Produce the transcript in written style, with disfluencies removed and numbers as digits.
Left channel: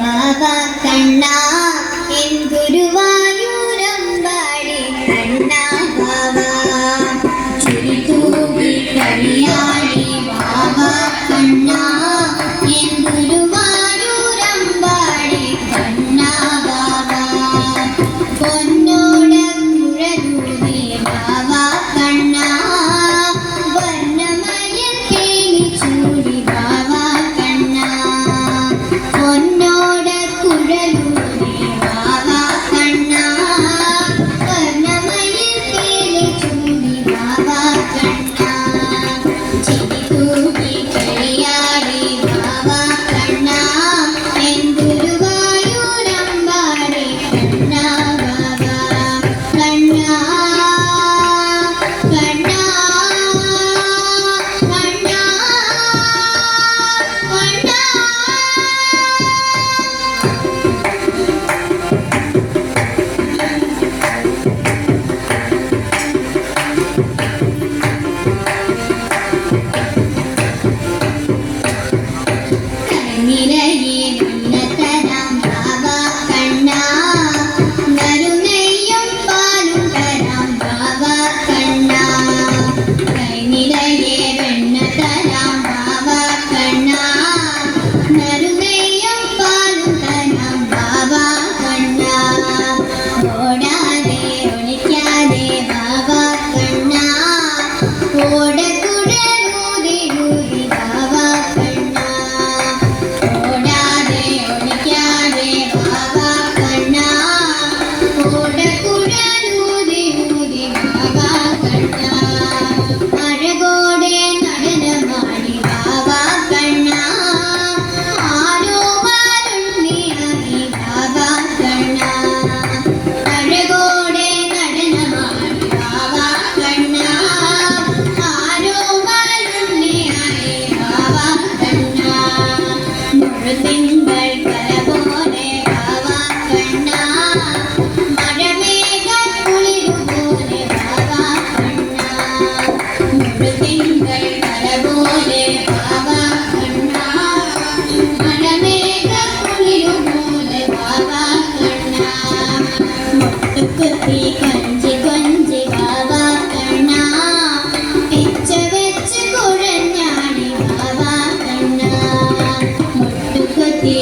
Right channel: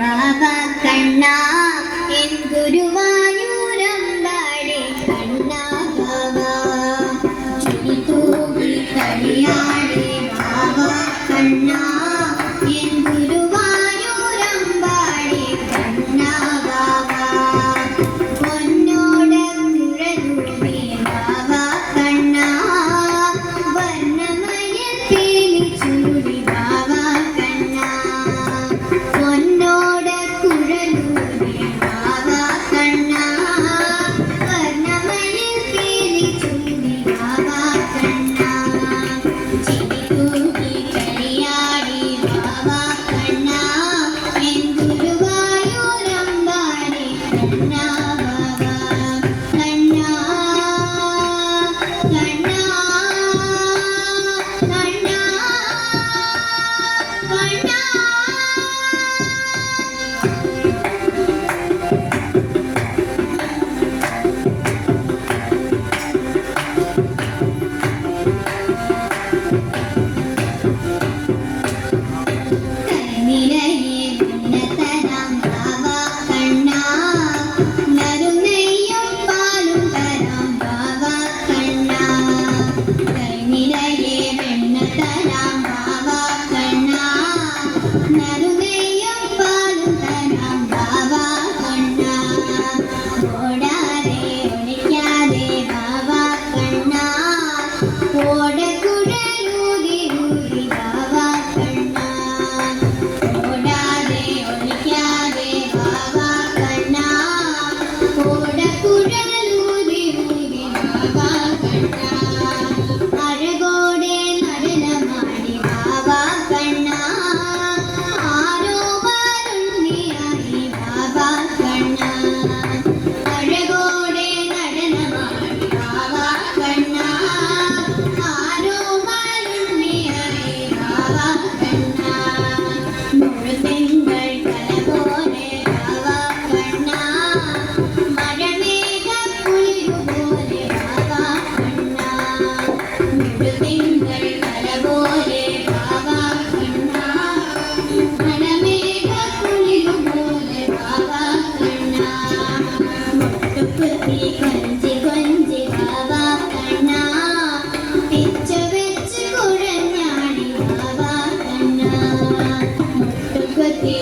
ബാബാ കണ്ണാ N ഗുരുവായൂരമ്പാടി കണ്ണാ ബാബാ ചുരി തൂകി കളിയാടി ബാബാ കണ്ണാ N ഗുരുവായൂരമ്പാടി കണ്ണാ ബാബാ പൊന്നോട് കുഴലൂതി ബാബാ കണ്ണാ വർണ്ണമയം തേനി ചൂടി ബാബാ കണ്ണാ പൊന്നോട് കുഴലൂതി ബാബാ കണ്ണാ വർണ്ണമയം തേനി ചൂടി ബാബാ കണ്ണാ ചിരി തൂകി കളിയാടി ബാബാ കണ്ണാ എൻ ഗുരുവായൂരമ്പാടി കണ്ണാ ബാബാ കണ്ണാ കണ്ണാ കണ്ണാ കണ്ണാ നിറയെ നീലത്തരാം ബാബാ കണ്ണാ നറുനെയ്യും പാലും തരാം ബാബാ കണ്ണാ നിറയെ വെണ്ണത്തരാം ബാബാ കണ്ണാ നറുനെയ്യും പാലും തരാം ബാബാ കണ്ണാ ഓടാതെ ഒളിക്കാതെ ബാബാ കണ്ണാ ഓടക്കുഴലൂതി ഊതി ബാബാ കണ്ണാ ഓടാതെ ഒളിക്കാതെ ബാബാ കണ്ണാ ഓടക്കുഴലൂതി ഊതി ബാബാ കണ്ണാ അഴകോടെ നടനമാടി ബാബാ കണ്ണാ ആരോ വരുണ്ണിയായി ബാബാ കണ്ണാ അഴകോടെ നടനമാടി ബാബാ കണ്ണാ ആരോ വരുണ്ണിയായി ബാബാ കണ്ണാ മുഴുതിങ്കൾ കല പോലെ ബാബാ കണ്ണാ മഴമേഘക്കുളിരുപോലെ ബാബാ കണ്ണാ മുഴുതിങ്കൾ കല പോലെ ബാബാ കണ്ണാ മഴമേഘക്കുളിരുപോലെ ബാബാ കണ്ണാ മുട്ടുകുത്തി കൊഞ്ചി കൊഞ്ചി ബാബാ കണ്ണാ പിച്ച വെച്ച് കുഴഞ്ഞാടി ബാബാ കണ്ണാ മുട്ടുകുത്തി